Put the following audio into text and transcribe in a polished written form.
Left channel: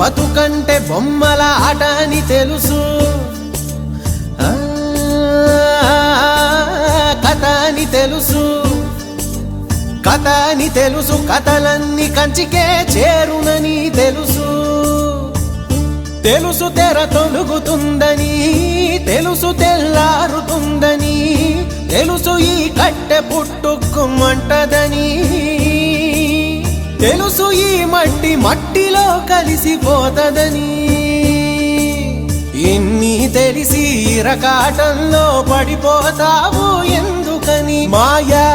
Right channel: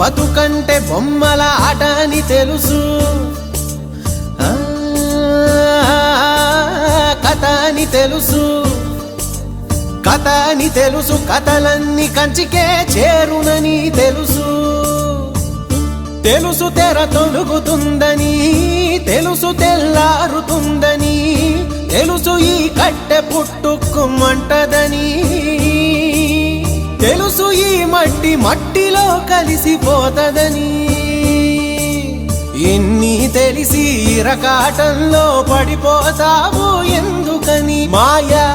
బతుకంటే బొమ్మల ఆట అని తెలుసు, కథ అని తెలుసు, కథ అని తెలుసు, కథలన్నీ కంచికే చేరునని తెలుసు, తెలుసు తెర తొలుగుతుందని, తెలుసు తెల్లారుతుందని, తెలుసు ఈ కట్టె పుట్టుకుమంటదని, తెలుసు ఈ మట్టి మట్టిలో కలిసిపోతదని, ఇన్ని తెలిసి ఇరకాటంలో పడిపోతావు ఎందుకని మాయా